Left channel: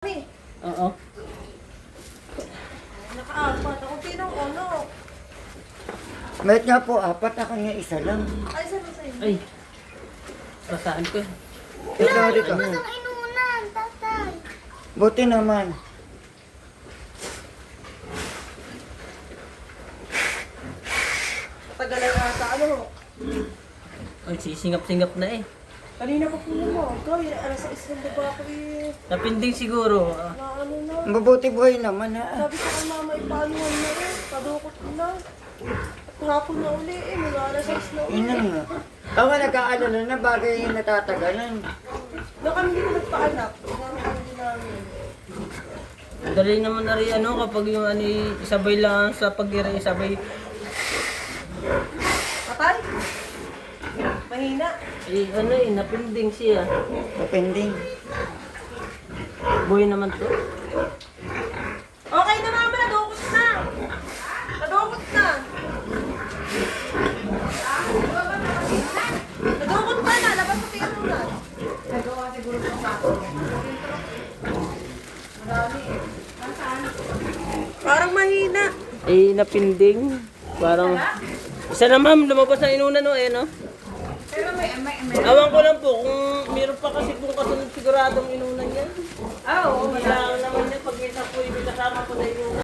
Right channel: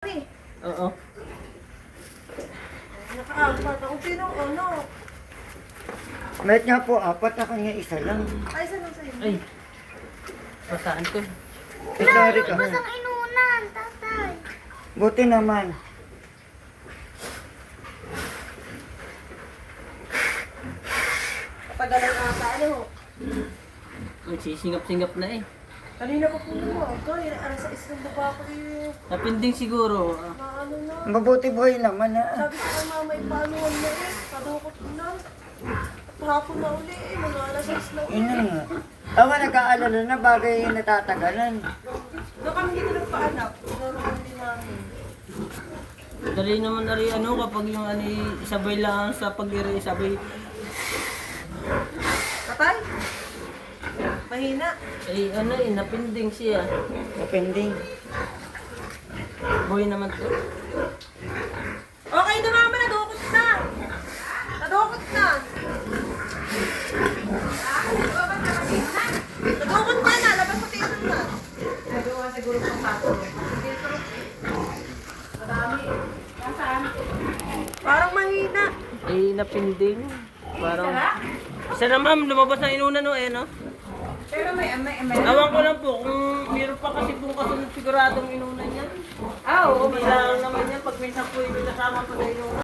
Oo. Nakaapat. Ako sinong ano? Bakit nga po, apat ako niya, isa lang. Ay, saan sa inyo? Ay. Saan ko? Sorry ka. Ang inunan, tatay. Buti naman. Katagalan ata ano? Ay, sisingap-singap na eh. Kanina ko po naman. Ito, yun ay alas 6 ng baba ko eh. Napinding siguro. Maano na. Mabuti buhay naman ha. Sabi ko kay mama, ipaano yan na eh. Padukot ko na. At hapon na uli eh. Mga alas 6 na uli. Yun nga. Ako nag-aalala na bagay yung natatagalan. Doon kami dito nagpaanak. Ano kami namin. Dali naman na rin ano kapag yung ano isabay lang sa pag-ira isabay. Patay? Mahina. Eh ano eh, napinding siya. Depending. Buhay naman to. Okay na mama, nadukot na. Nadukot na. Nadukot na na. Labas sa tiyan na. Nagawa siguro sa plato. Madami. Nasaan? Parang mahina. Eh napinding. Parang isa na ma'am, lumabas na inunan no, eh no? Ewan ko lang po kung meron pa kasi kung kasunod siguradong inunan yan. Ah, oo. Kailangan naman yan pag may napoy, may kasama pa sa inunan.